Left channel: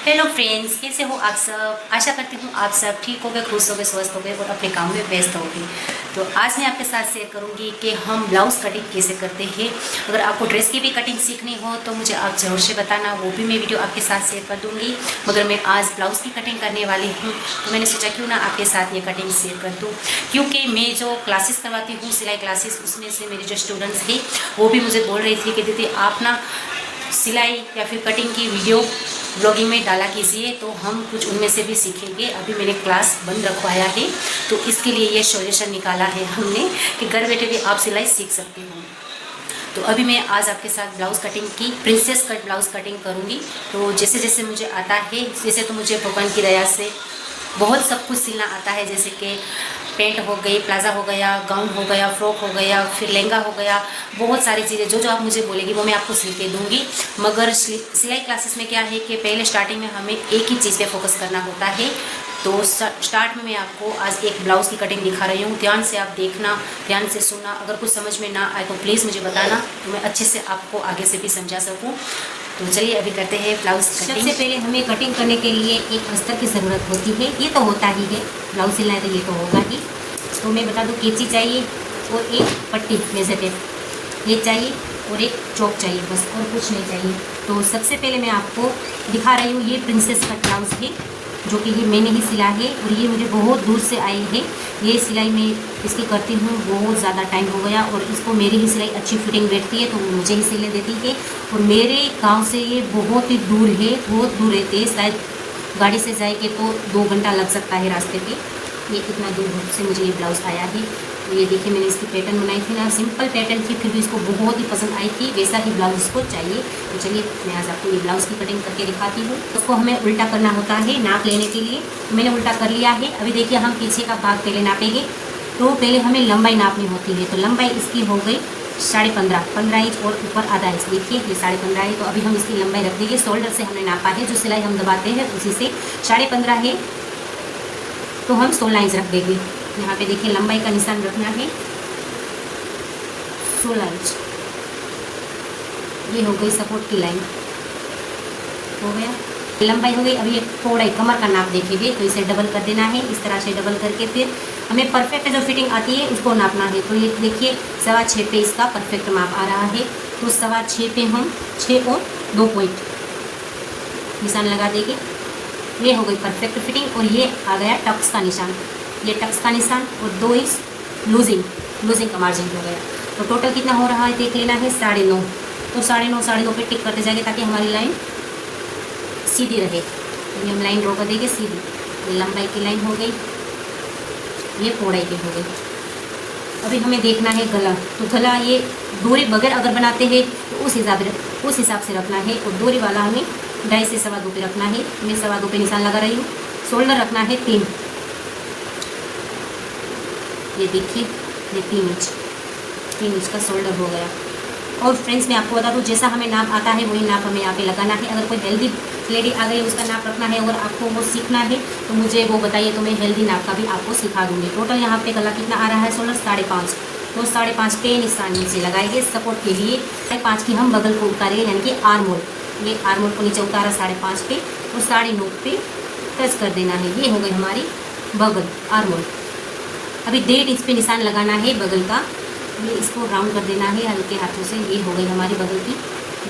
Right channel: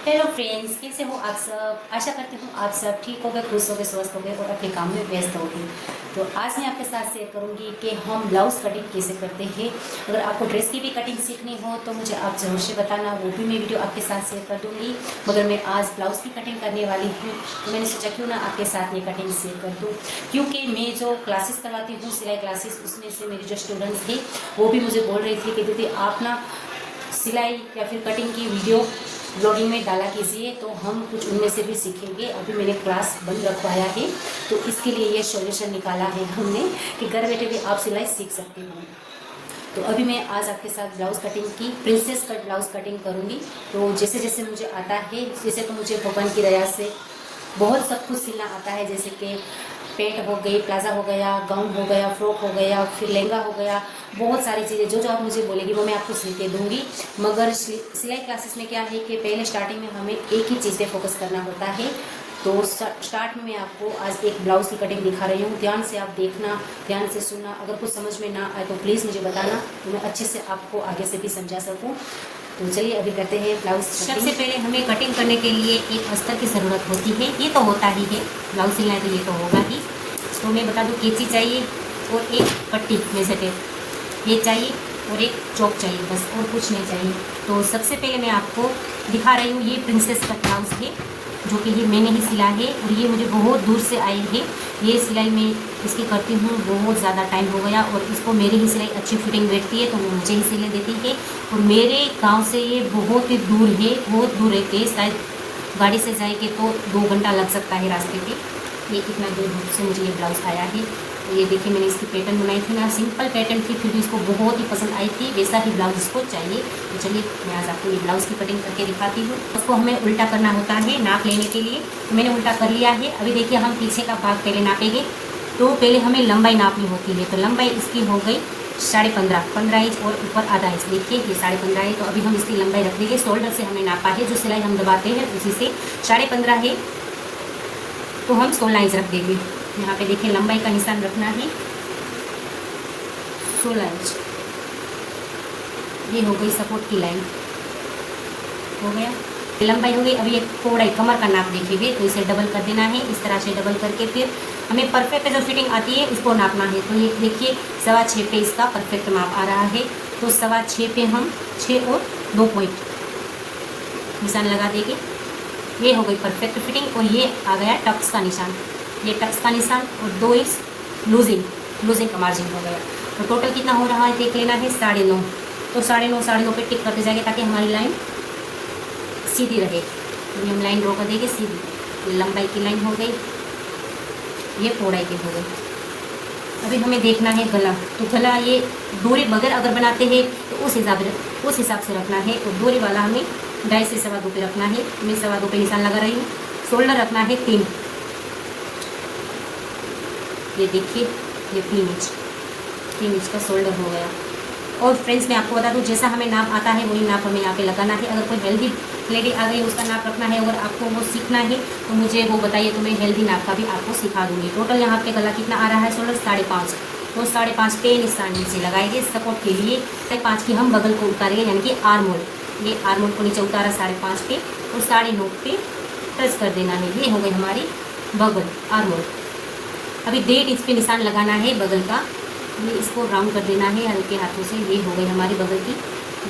Hello friends, कैसे हो आप सब। आशा करती हूँ आप सब ठीक होगे, खुश होगे, स्वस्थ होगे और अपने काम में व्यस्त होगे। तो आज मैं आपके साथ शेयर करूँगी कि हम ब्लाउज़ कटिंग कैसे करते हैं। अगर आपको ड्रेस की भी कटिंग सीखनी हो तो मुझे आप ज़रूर से बताना, वो भी मैं वीडियो आपके साथ शेयर कर दूँगी। मगर मैं आज ब्लाउज़ की कटिंग करने वाली हूँ तो मैंने सोचा क्यों ना आपके साथ ये कटिंग शेयर कर दूँ, क्योंकि मैं जो क्लासेस करवाती हूँ सिलाई क्लासेस, उसमें से मेरी जो स्टूडेंट्स हैं वो भी मुझे बोल रही थी कि दीदी आप ना सिलाई या फिर कटिंग की वीडियो ब्लॉगिंग में डाला कीजिए तो हम कुछ उनमें से भी सीखेंगे। अभी मैंने क्लास बंद रखवाया है तो इसके लिए ये सॉल्यूशन निकाला है हमने कि घर बैठे भी आप सिलाई सीख सकते हो। तो अभी मैं आज आपके साथ ब्लाउज़ कटिंग की प्रिंसेस कट ब्लाउज़ कटिंग करूँगी। तो जैसे जैसे मुझे आता है, जैसे तो मुझे भगवान की दया से बहुत सब कुछ सिलना आता है, जैसे कि पेंट हो गई, प्लाजा हो गया, गाउन हो गया, फ्रॉक हो गया, फिर लहंगा हो गया, बहुत सारी चीज़ें जो जो आप मुझे बोलेगी वो मैं आपको सिल के दूँगी। मगर सिलाई क्लासेस में क्या है कि पहले स्टार्टिंग में हमें एक ही चीज़ पे फोकस करना होता है। तो स्टार्ट में मैं आपको आज एक ब्लाउज़ की कटिंग दिखा रही हूँ, ध्यान से आप देखना, ध्यान से सुनना। अगर कुछ समझ में ना आए तो प्लीज़ मुझे बताना तो मैं अच्छे से आपको आगे से भी समझा सकूँ। तो चलिए अभी करते हैं ब्लाउज़ कटिंग। सबसे पहले हमें कटिंग करने के लिए एक अस्तर की ज़रूरत होती है, ये तो होता ही है, ब्लाउज़ सिलना है तो ये तो होगा ही। तो मैं बता दूँ, कैंची चाहिए और एक पट्टी मेजर टेप ये चाहिए और एक चौक चाहिए, बस और कुछ नहीं चाहिए। तो सबसे पहले मैं आपको दिखा रही हूँ, ये प्रिंसेस कट ब्लाउज़ है जो कि ये मैंने ही सिला है और ये मुझे बहुत दूर से आई है। ये सिलाई मैं इसकी करती हूँ बहुत ज़्यादा टाइम हो गया और इसको मेरी ही सिलाई अच्छी फिटिंग बैठती है तो वो मुझे ही सिले देती है। और मेरे गांव से ये बहुत ही दूर है, बहुत दूर रहते हैं, शायद गाड़ी से जाएंगे तो 2 घंटा लग सकता है रास्ते पे। ये कितना दूर से मुझे ये ब्लाउज़ आया है। तो ये देखिए, मैंने इसकी पैटर्न बनाई थी ना, सिंपल पैटर्न थी, फिर भी इसको बहुत ही पसंद आई थी, वैसा ही ब्लाउज़ इसको चाहिए। तो चलिए मैं आज आपको ये ब्लाउज़ की कटिंग करके दिखाती हूँ। उसको हमें उल्टा करना होता है नाप लेने के लिए। मैंने उल्टा कर लिया है। अभी देखिए, हम पीछे का भाग पहले नापेंगे। तो पहले हमें लंबाई नापनी होती है, तो लंबाई इसकी हो गई 15.5 इंच और ऊपर आधा इंच। देखिए ये 15.5 है, तो अभी हम इसकी लंबाई रख देंगे। शोल्डर से हमने नापा है, जो सिलाई हम दबाते हैं उसी से 15.5 है, तो हम 16 इंच रख देंगे। यहाँ पे देखिए लंबाई का निशान रखना है 16 इंच। ये हो गई सपोर्ट की लाइन, हो गया, लंबाई हो गई। अभी ये थोड़ा ही कमर का नाप देखेंगे तो इसे डबल कर देना है, इस तरह से डबल करके फिर हमें परफेक्ट जो फिटिंग आती है उसको नापना है। तो ये देखिए 6.25 पे इसका परफेक्ट माप आ रहा है। तो 6.25 पे हम 6 और 2 पॉइंट निशान लगा देंगे। ये हो गई परफेक्ट फिटिंग और ये आ गया टक्स का निशान, ये टक्स का निशान और 2 इंच लूजिंग का मार्जिन हो गया। तो टोटल कितना हो रहा है देख लेना है 9.5। तो 9.5 पे टिक करते जाएंगे ताकि हमारी लाइन सीधी रहे। तो हम लाइन ड्रॉ कर देंगे सीधी। ये लंबाई की लाइन हो गई, ये चौड़ाई की हो गई। अभी हमें देखना है गला। तो गला ये डोरी बगैर अगर बनाते हैं तो उस हिसाब से रखना है और डोरी वाला हमें 2.5 से 2.25 पे रखना है। मैं 2.25 पे निशान लगा रही हूँ। शोल्डर रखना है 3, ये देखिए ये 3 इंच का शोल्डर हो गया। और फ्रेंड्स मैं आपको बता दूँ, जैसा हमें नाप आता है वही नाप हमें यहाँ पे लगाना है। अगर कोई हेल्दी लेडी आ गई उसका नाप रखना है, अगर आपको वो सीखना है तो मुझे वो बताइए, तो मैं हेल्दी नाप का भी आपको सिखा दूँगी। टोटल यहाँ पे गला कितना आ रहा है शोल्डर 5.5। तो 5.5 पे निशान नीचे लगाएंगे सपोर्ट के लिए। 5.5 की हम बगल को उतारेंगे, यानी कि आर्मोल, ये आर्मोल को नीचे उतारा 5.5 पे और 9.5 पे टच कर देना है। ये हो गई हमारी बगल आर्मोल। अभी 1.5 इंच पे निशान लगाना है बगल का, ये इसको राउंड कर देना है हल्के हाथों से। ये हो गई हमारी बगल की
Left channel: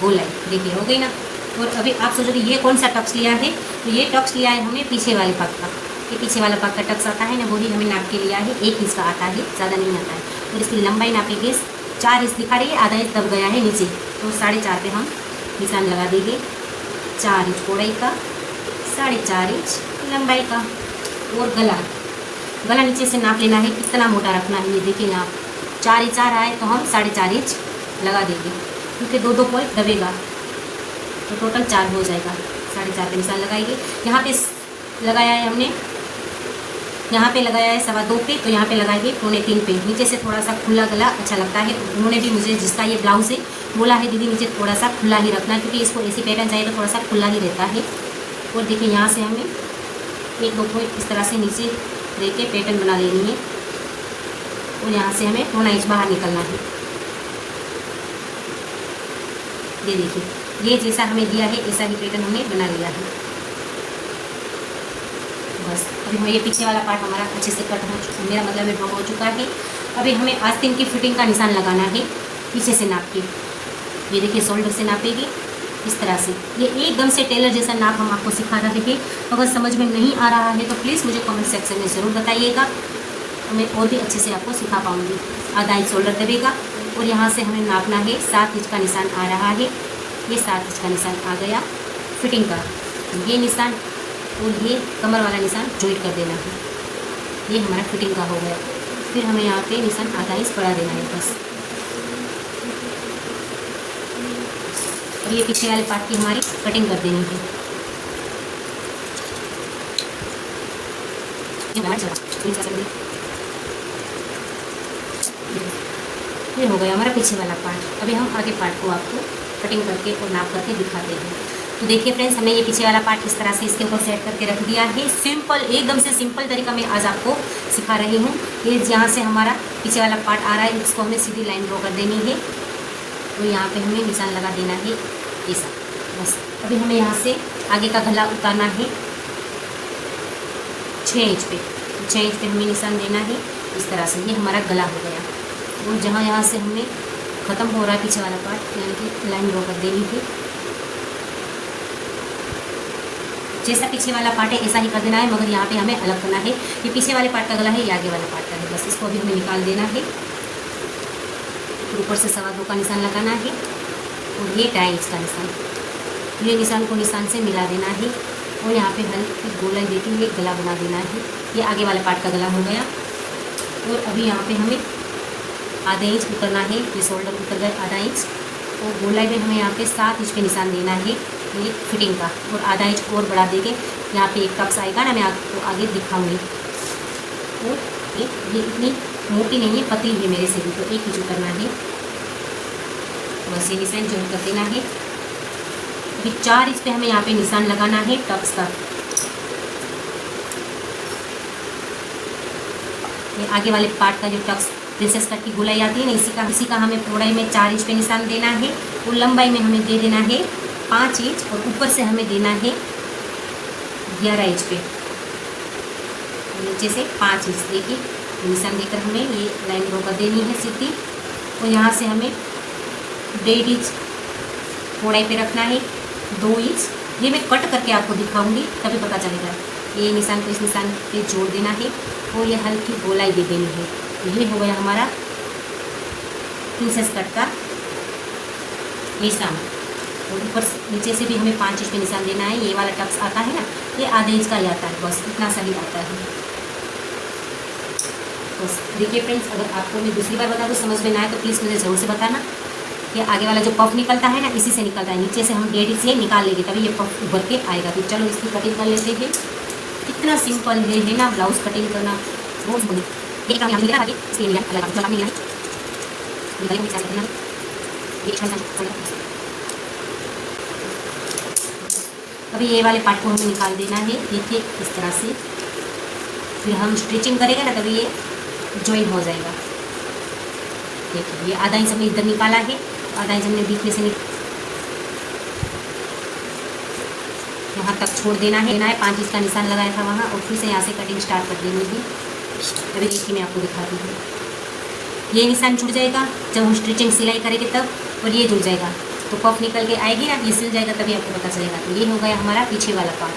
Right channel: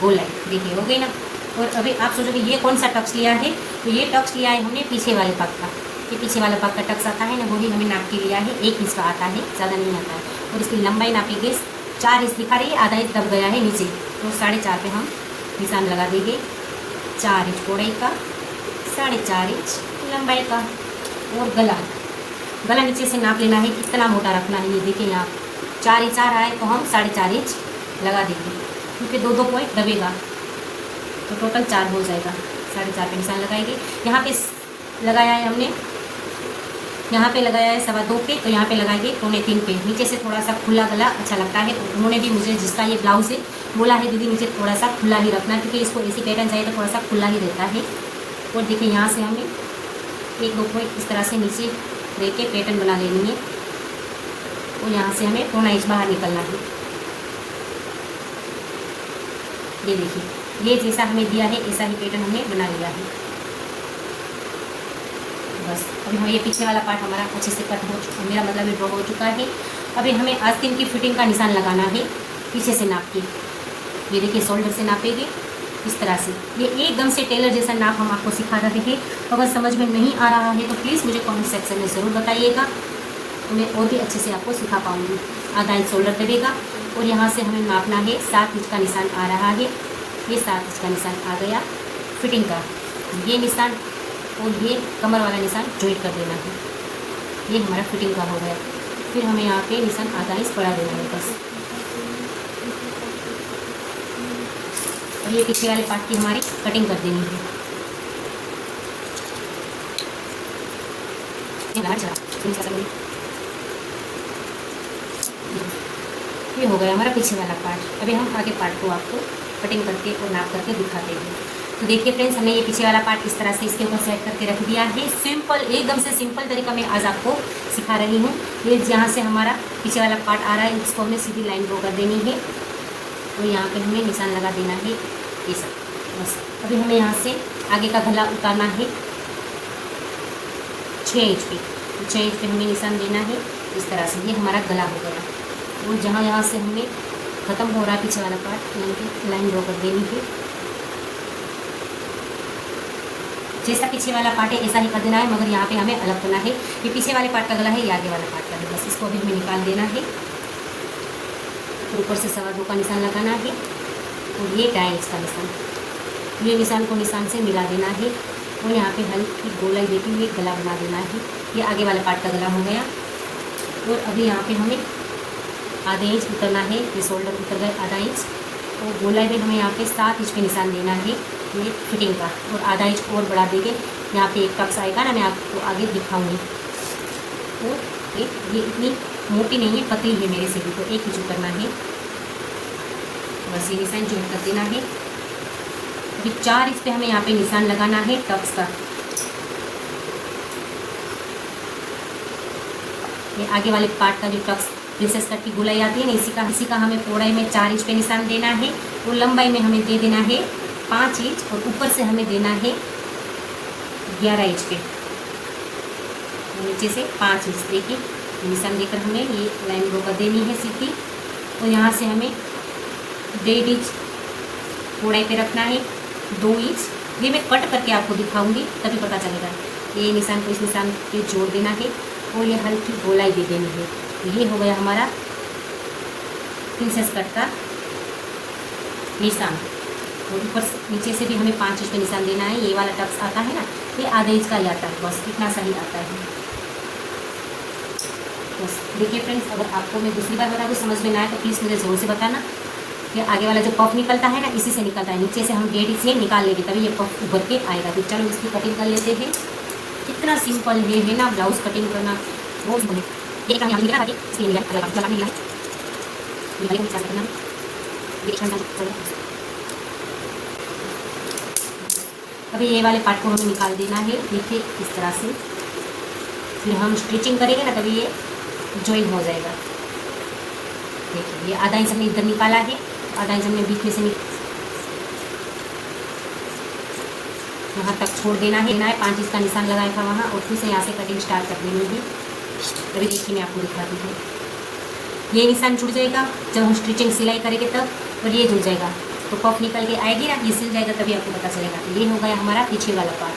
गोलाई, देखिए हो गई ना। और अभी आप सोचोगे ये कौन सा टक्स लिया है, तो ये टक्स लिया है हमने पीछे वाले भाग का। ये पीछे वाला भाग का टक्स आता है ना, वही हमें नाप के लिया है। 1 इंच का आता है, ज़्यादा नहीं आता है। और इसकी लंबाई नापेंगे 4 इंच दिखा रही है, आधा इंच दब गया है नीचे, तो 4.5 पे हम निशान लगा देंगे। 4 इंच चौड़ाई का, 4.5 इंच लंबाई का। और गला नीचे से नाप लेना है, कितना मोटा रखना है। ये देखिए यहाँ 4 इंच आ रहा है तो हम 4.5 इंच लगा देंगे, क्योंकि 2 पॉइंट दबेगा तो टोटल 4 हो जाएगा। 4.5 पे निशान लगाएंगे। यहाँ पे लगाया है हमने, यहाँ पे लगाया है 2.25 पे, तो यहाँ पे लगाएंगे 2.25 पे। नीचे से थोड़ा सा खुला गला अच्छा लगता है। उन्होंने भी मुझे, जिसका ये ब्लाउज़ है, बोला है दीदी नीचे थोड़ा सा खुला ही रखना, क्योंकि इसको ऐसी पैटर्न चाहिए तो थोड़ा सा खुला ही रहता है। और देखिए यहाँ से हमें 1-2 पॉइंट इस तरह से नीचे रह के पैटर्न बना लेनी है और यहाँ से हमें 2 इंच बाहर निकलना है। ये देखिए, ये जैसा हमें दिया है ऐसा ही पैटर्न हमने बना लिया है। बस अभी ये पीछे वाला पार्ट हमारा अच्छे से कट हो चुका, मेरा मतलब ड्रॉ हो चुका है। अभी हमें आस्तीन की फिटिंग का निशान लगाना है पीछे से नाप के। ये देखिए शोल्डर से नापेंगे इस तरह से। ये एकदम से टेलर जैसा नाप हम आपको सिखा रहे थे। अगर समझ में नहीं आ रहा है तो प्लीज़ मुझे कमेंट सेक्शन में ज़रूर बताइएगा, मैं और भी अच्छे से आपको सिखा पाऊँगी। आधा इंच शोल्डर देगा और यहाँ से हमें नापना है 7 इंच का निशान आ रहा है। ये 7 इंच का निशान आ गया फिटिंग का, ये निशान और ये कमर वाला निशान जॉइंट कर देना है। ये हमारा फिटिंग का हो गया। फिर हमें यहाँ पे निशान आधा इंच बढ़ा देना है बस। और ये पीछे वाले पार्ट की हमारी कटिंग कर देनी है। ये हो गया हमारा पीछे वाला पार्ट। अभी हम आगे पार्ट को आपको कटिंग करके और नाप करके दिखाते हैं। तो देखिए फ्रेंड्स, हमने ये पीछे वाला पार्ट इस तरह से इसके ऊपर सेट करके रख दिया है। सिंपल, एकदम से सिंपल तरीका मैं आज आपको सिखा रही हूँ। ये जहाँ से हमारा पीछे वाला पार्ट आ रहा है उसको हमें सीधी लाइन ड्रॉ कर देनी है। तो यहाँ पे हमें निशान लगा देना है ऐसा बस। अभी हमें यहाँ से आगे का गला उतारना है 6 इंच पे। 6 इंच पे हमें निशान देना है इस तरह से। ये हमारा गला हो गया। और जहाँ से हमें ख़त्म हो रहा है पीछे वाला पार्ट, यानी कि लाइन ड्रॉ कर देनी है। जैसा पीछे वाला पार्ट है ऐसा ही कर देना है, मगर यहाँ पे हमें अलग करना है। ये पीछे वाले पार्ट का गला है, ये आगे वाला पार्ट का है। बस इसको अभी हमें निकाल देना है। ऊपर से 2.25 का निशान लगाना है और ये 2.5 इंच का निशान, ये निशान को निशान से मिला देना है। और यहाँ पे हल्की गोलाई देते हुए गला बना देना है। ये आगे वाले पार्ट का गला हो गया। और अभी यहाँ पे हमें आधा इंच उतरना है। ये शोल्डर उतर गया आधा इंच। और गोलाई में हमें यहाँ पे 7 इंच पे निशान देना है ये फिटिंग का। और आधा इंच और बढ़ा देंगे, यहाँ पे एक टक्स आएगा ना, मैं आपको आगे दिखाऊंगी। और ये इतनी मोटी नहीं है, पतली है मेरे से भी, तो 1 इंच उतरना है। बस ये निशान जॉइंट कर देना है। अभी 4 इंच पे हमें यहाँ पे निशान लगाना है टक्स का। ये आगे वाले पार्ट का जो टक्स प्रिंसेस कट की गोलाई आती है ना, इसी का हमें चौड़ाई में 4 इंच पे निशान देना है। और लंबाई में हमें दे देना है 5 इंच। और ऊपर से हमें देना है 11 इंच पे। और नीचे से 5 इंच देखिए निशान देकर हमें ये लाइन ड्रॉ कर देनी है सीधी। और यहाँ से हमें 1.5 इंच चौड़ाई पे रखना है, 2 इंच। ये मैं कट करके आपको दिखाऊंगी तभी पता चलेगा। ये निशान को इस निशान पे जोड़ देना है और ये हल्की गोलाई दे देनी है। ये हो गया हमारा प्रिंसेस कट का निशान। और ऊपर से नीचे से भी हमें 5 इंच पे निशान देना है। ये वाला टक्स आता है ना, ये आधे इंच का ही आता है, बस इतना सही आता है। बस देखिए फ्रेंड्स, अगर आपको मैं दूसरी बार बता दूँ समझ में ना आए तो प्लीज़ मुझे ज़रूर से बताना। कि आगे वाला जो पफ निकलता है ना, इसी से निकलता है। नीचे से हम 1.5 इंच निकाल लेंगे तभी ये पफ उभर के आएगा। फिर चलो इसकी कटिंग कर लेते हैं। कितना सिंपल है ना ब्लाउज कटिंग करना, बहुत बढ़िया। एक काम यहाँ निकला आगे, इसलिए निकला अलग अलग निकला अभी ये वाले पार्ट को हमें निकाल देना है। देखिए इस तरह से। फिर हम स्टिचिंग करेंगे ना तभी ये जॉइन हो जाएगा। देखिए ये आधा इंच हमने इधर निकाला है, आधा इंच हमने बीच में से वहाँ तक छोड़ देना है। 5 इंच का निशान लगाया था वहाँ, और फिर से यहाँ से कटिंग स्टार्ट कर देनी है। अभी देखिए मैं आपको दिखाती हूँ। ये निशान जुड़ जाएगा जब हम स्टिचिंग सिलाई करेंगे तब, और ये जुड़ जाएगा तो पफ निकल के आएगी ना, ये सिल जाएगा तभी आपको पता चलेगा। तो ये हो गया हमारा पीछे वाला पार्ट।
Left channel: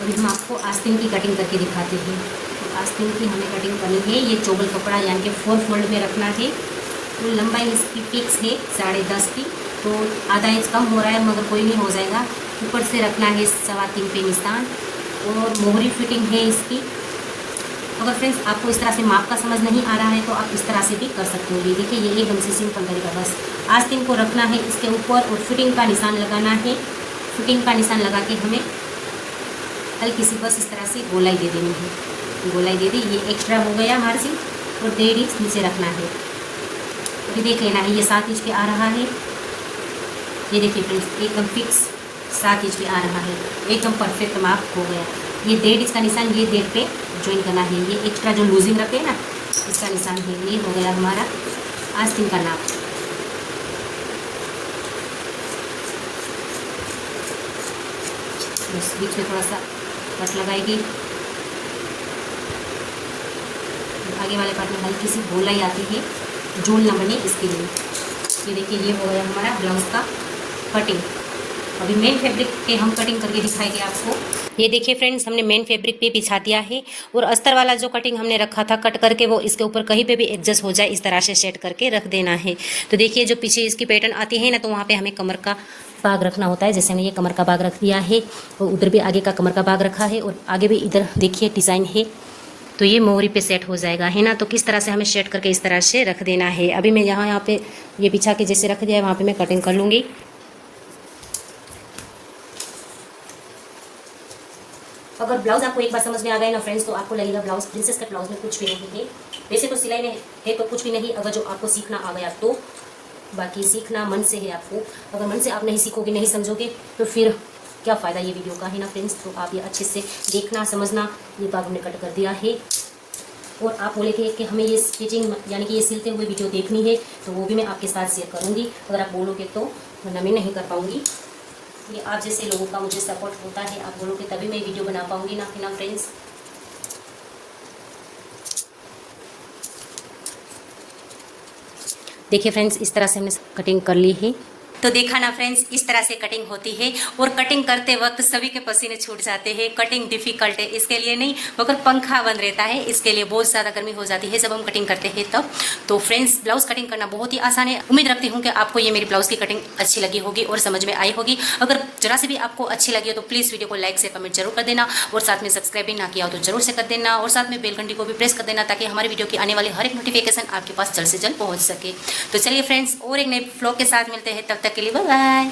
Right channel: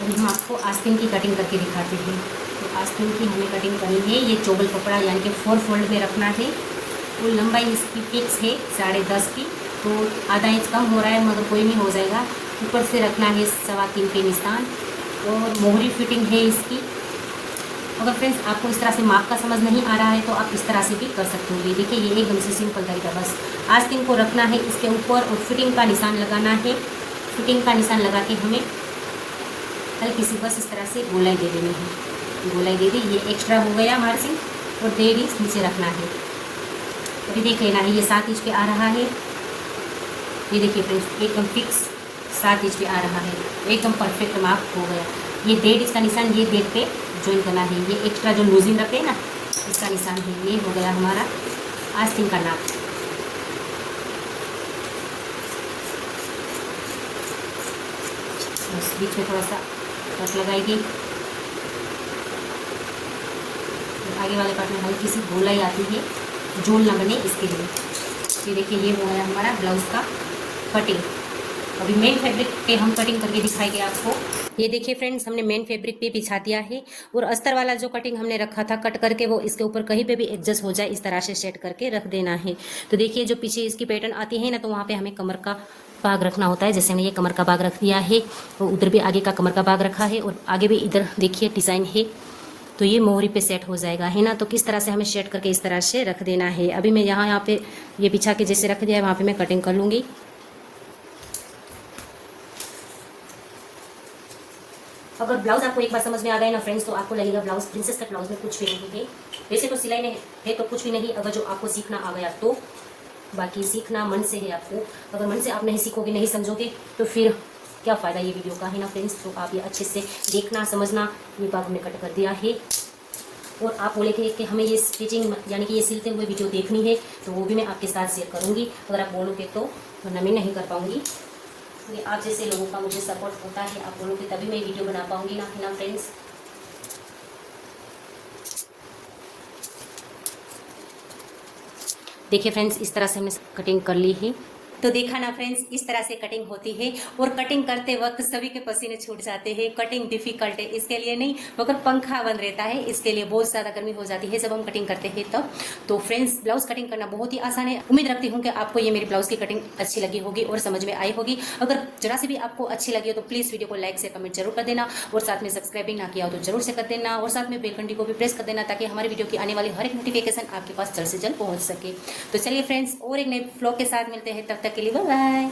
अभी हम आपको आस्तीन की कटिंग करके दिखाते हैं। तो आस्तीन की हमें कटिंग करनी है। ये चोबल कपड़ा यानी कि 4 फोल्ड में रखना है। और लंबाई इसकी फिक्स है 10.5 की, तो आधा इंच कम हो रहा है मगर कोई नहीं, हो जाएगा। ऊपर से रखना है 3.25 पे निशान। और मोहरी फिटिंग है इसकी। अगर फ्रेंड्स आपको इस तरह से माप का समझ नहीं आ रहा है तो आप इस तरह से भी कर सकते हो। ये देखिए ये एकदम से सिंपल तरीका। बस आस्तीन को रखना है इसके ऊपर और फिटिंग का निशान लगाना है। फिटिंग का निशान लगा के हमें हल्की सी बस इस तरह से गोलाई दे देनी है। गोलाई दे दी, ये एक्स्ट्रा हो गया मार्जिन। और 1.5 इंच नीचे रखना है। अभी देख लेना है, ये 7 इंच पे आ रहा है। ये देखिए फ्रेंड्स एकदम फिक्स 7 इंच पे आ रहा है, एकदम परफेक्ट माप हो गया। ये 1.5 इंच का निशान ये डेट पे ज्वाइन करना है। ये एक्स्ट्रा जो लूजिंग रखते हैं ना, इसका निशान है। ये हो गया हमारा आस्तीन का नाप। तो इस बीच में थोड़ा सा कट लगाएगी। आगे वाले पार्ट में हल्की सी गोलाई आती है, झोल ना बने इसके लिए। ये देखिए ये हो गया हमारा ब्लाउज़ का कटिंग। अभी मेन फैब्रिक पे हम कटिंग करके दिखाएंगे आपको। ये देखिए फ्रेंड्स, हमने मेन फैब्रिक पे बिछा दिया है और अस्तर वाला जो कटिंग हमने रखा था कट करके, वो इसके ऊपर कहीं पे भी एडजस्ट हो जाए इस तरह से सेट करके रख देना है। तो देखिए जो पीछे इसकी पैटर्न आती है ना, तो वहाँ पे हमें कमर का बाग रखना होता है। जैसे हमने ये कमर का बाग रख दिया है, और उधर भी आगे का कमर का बाग रखा है, और आगे भी इधर देखिए डिज़ाइन है, तो ये मोहरी पे सेट हो जाएगा, है ना। तो किस तरह से हमें सेट करके इस तरह से रख देना है। अभी मैं यहाँ पे ये बिछा के जैसे रख दिया है, वहाँ पे मैं कटिंग कर लूँगी। अगर ब्लाउज आपको एक बार समझ में आ गए ना फ्रेंड्स, तो आपको लगेगा ब्लाउज प्रिंसेस कट ब्लाउज में कुछ भी नहीं है। वैसे तो सिलाई में है तो कुछ भी नहीं, अगर जो आपको सीखना आ गया तो। बाकी सीखना मन से है आपको। अगर मन से आप नहीं सीखोगे, नहीं समझोगे, तो फिर क्या फ़ायदा ये वीडियो का, है ना फ्रेंड्स। तो आप ये अच्छे से देखना, समझना। ये बाग हमने कट कर दिया है। और आप बोले थे कि हमें ये स्टिचिंग यानी कि ये सिलते हुए वीडियो देखनी है, तो वो भी मैं आपके साथ शेयर करूँगी अगर आप बोलोगे तो, वरना मैं नहीं कर पाऊँगी। ये आप जैसे लोगों का मुझे सपोर्ट होता है, आप बोलोगे तभी मैं वीडियो बना पाऊँगी ना, कि ना फ्रेंड्स। देखिए फ्रेंड्स, इस तरह से हमने कटिंग कर ली है। तो देखा ना फ्रेंड्स, इस तरह से कटिंग होती है। और कटिंग करते वक्त सभी के पसीने छूट जाते हैं। कटिंग डिफिकल्ट है इसके लिए नहीं, मगर पंखा बंद रहता है इसके लिए बहुत ज़्यादा गर्मी हो जाती है जब हम कटिंग करते हैं तब। तो फ्रेंड्स, ब्लाउज कटिंग करना बहुत ही आसान है। उम्मीद रखती हूँ कि आपको ये मेरी ब्लाउज की कटिंग अच्छी लगी होगी और समझ में आई होगी। अगर जरा से भी आपको अच्छी लगी हो तो प्लीज़ वीडियो को लाइक से कमेंट जरूर कर देना, और साथ में सब्सक्राइब भी ना किया हो तो जरूर से कर देना, और साथ में बेल घंटी को भी प्रेस कर देना, ताकि हमारी वीडियो की आने वाली हर एक नोटिफिकेशन आपके पास जल्द से जल्द पहुँच सके। तो चलिए फ्रेंड्स, और एक नए व्लॉग के साथ मिलते हैं, तब तक के लिए बाय बाय।